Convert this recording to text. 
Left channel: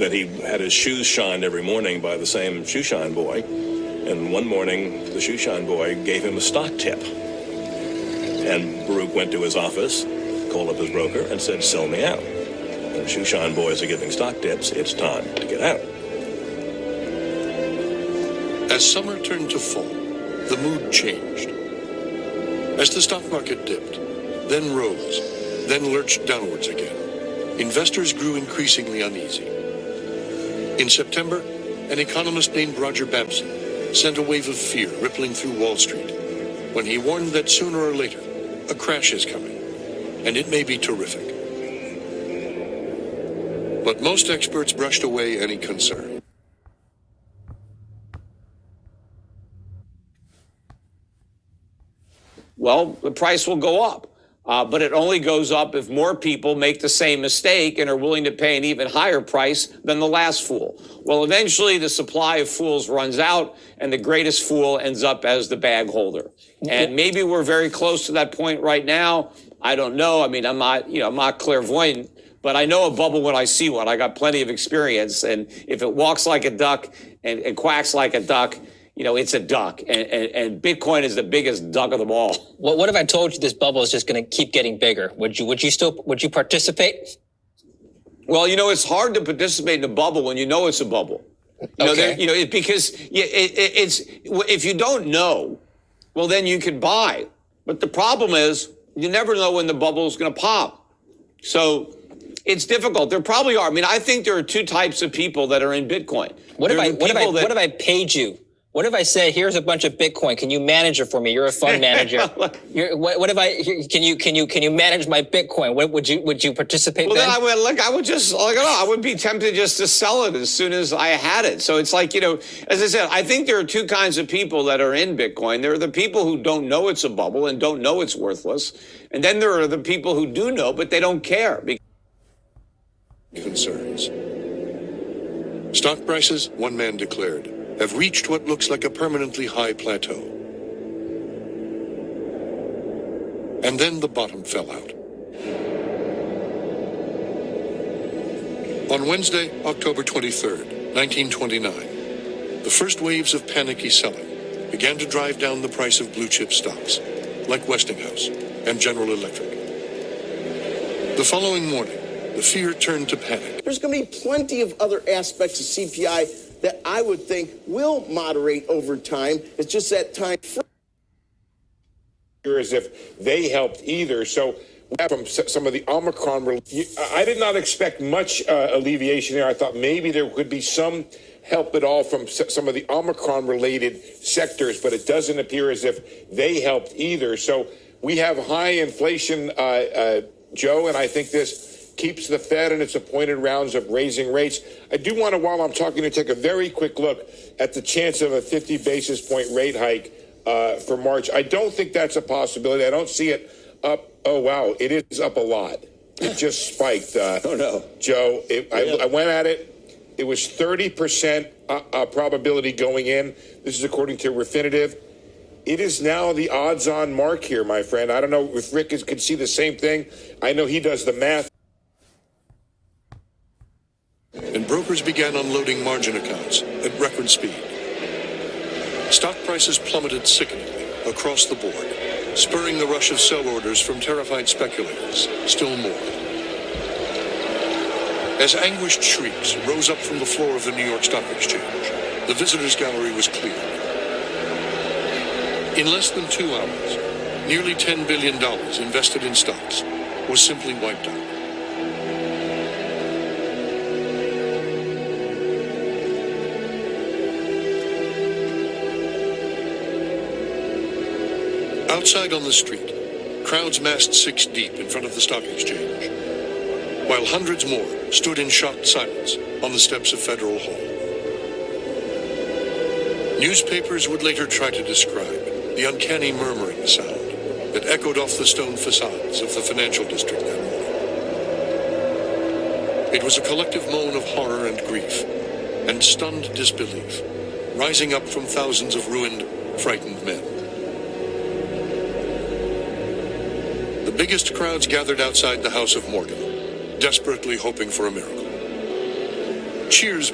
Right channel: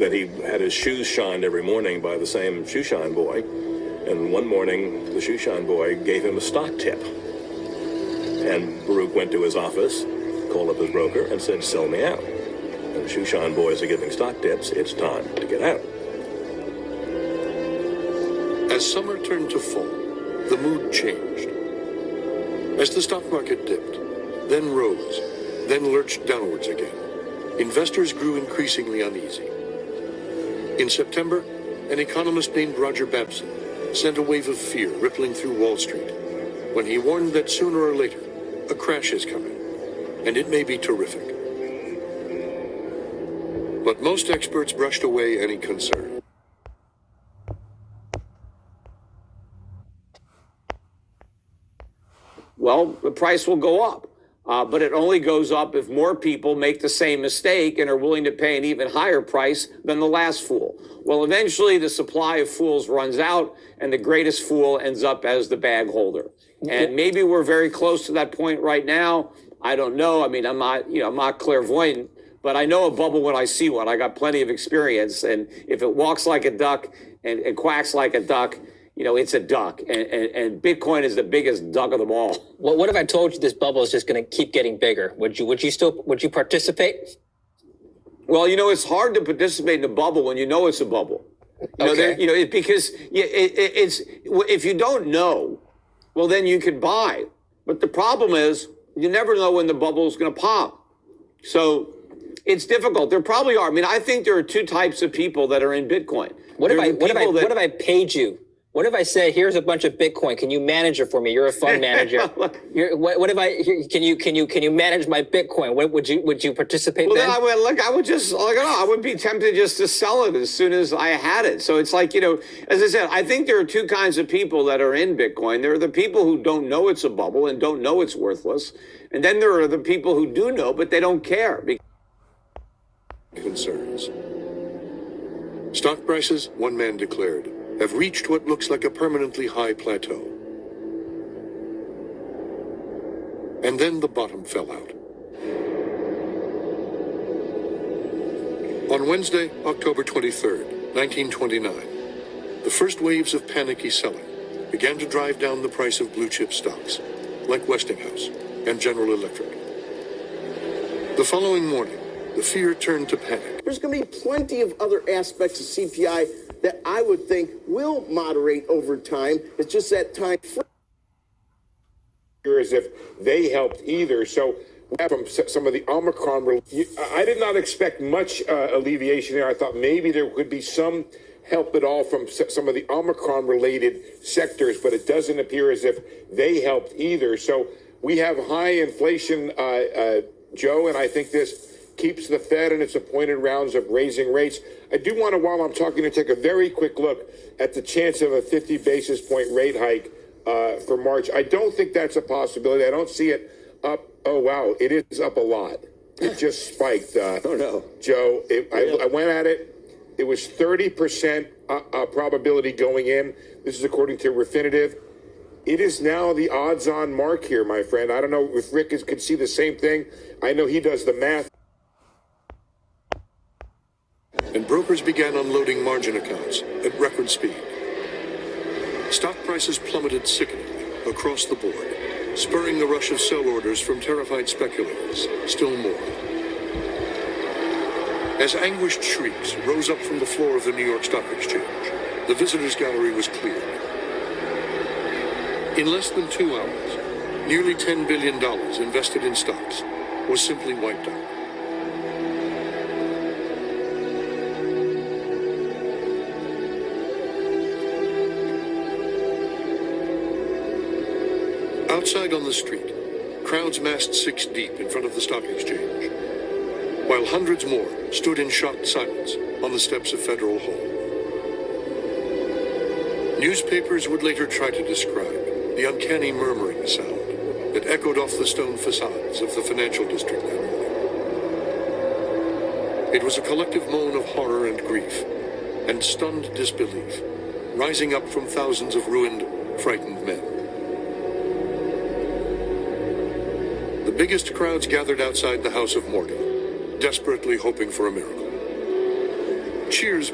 that he had his shoes shined every morning by the same shoe shine boy. And one morning, the shoe shine boy gave him a stock tip. And Baruch went to his office, called up his broker, and said, sell me out. The shoe shine boys are giving stock tips. It's time to get out. As summer turned to fall, the mood changed. As the stock market dipped, then rose, then lurched downwards again, investors grew increasingly uneasy. In September, an economist named Roger Babson sent a wave of fear rippling through Wall Street when he warned that sooner or later, a crash is coming, and it may be terrific. But most experts brushed away any concern. Well, the price will go up, but it only goes up if more people make the same mistake and are willing to pay an even higher price than the last fool. Well, eventually the supply of fools runs out and the greatest fool ends up as the bag holder. And maybe we're very close to that point right now. I don't know. I mean, I'm not clairvoyant, but I know a bubble when I see one. I got plenty of experience. And if it walks like a duck and quacks like a duck, you know, it's a duck, and Bitcoin is the biggest duck of them all. What if I told you this bubble is just going to keep getting bigger? Would you participate? Well, you know, it's hard to participate in a bubble when you know it's a bubble. Because it's if you don't know, well, then you could buy. But the problem is you never know when the bubble is going to pop. So it's difficult. There probably are. I mean, I think there are two types of people that are in Bitcoin. What if I paid you? What if I said, here's a bunch of Bitcoin, can you manage it for me? You're a fund manager. What if can you manage my Bitcoin? Would you participate then? Then I would be tempted just to sell it as soon as I had it. So it's like, you know, as I said, I think there are two kinds of people that are in Bitcoin. There are the people who don't know it's a bubble and don't know it's worthless. And then there are the people who do know, but they don't care. Concerns. Stock prices, one man declared, have reached what looks like a permanently high plateau. And then the bottom fell out. On Wednesday, October 23rd, 1929, the first waves of panicky selling began to drive down the price of blue chip stocks, like Westinghouse and General Electric. The following morning, the fear turned to panic. There's going to be plenty of other aspects of CPI that I would think will moderate over time. It's just that time as if they helped either. So from some of the Omicron, I did not expect much alleviation there. I thought maybe there could be some help at all from some of the Omicron-related sectors, but it doesn't appear as if they helped either. So we have high inflation, Joe, and I think this keeps the Fed in its appointed rounds of raising rates. I do want to, while I'm talking, to take a very quick look at the chance of a 50 basis point rate hike for March. I don't think that's a possibility. I don't see it up. Oh, wow. It is up a lot. It just spiked. Oh, no. Joe, I went at it. It was 30% probability going in. This is according to Refinitiv. It is now the odds-on mark here, my friend. I don't know if Rick could see the same thing. I know he does the math. And brokers began unloading margin accounts at record speed. Stock prices plummeted sickeningly across the board, spurring the rush of sell orders from terrified speculators still more. As anguished shrieks rose up from the floor of the New York Stock Exchange, the visitors' gallery was cleared. In less than 2 hours, nearly $10 billion invested in stocks was simply wiped out. Outside on the street, crowds massed 6 deep in front of the stock exchange, while hundreds more stood in shocked silence on the steps of Federal Hall. Newspapers would later try to describe the uncanny murmuring sound that echoed off the stone facades of the financial district that morning. It was a collective moan of horror and grief, and stunned disbelief, rising up from thousands of ruined, frightened men. The biggest crowds gathered outside the house of mourning, desperately hoping for a miracle. Cheers.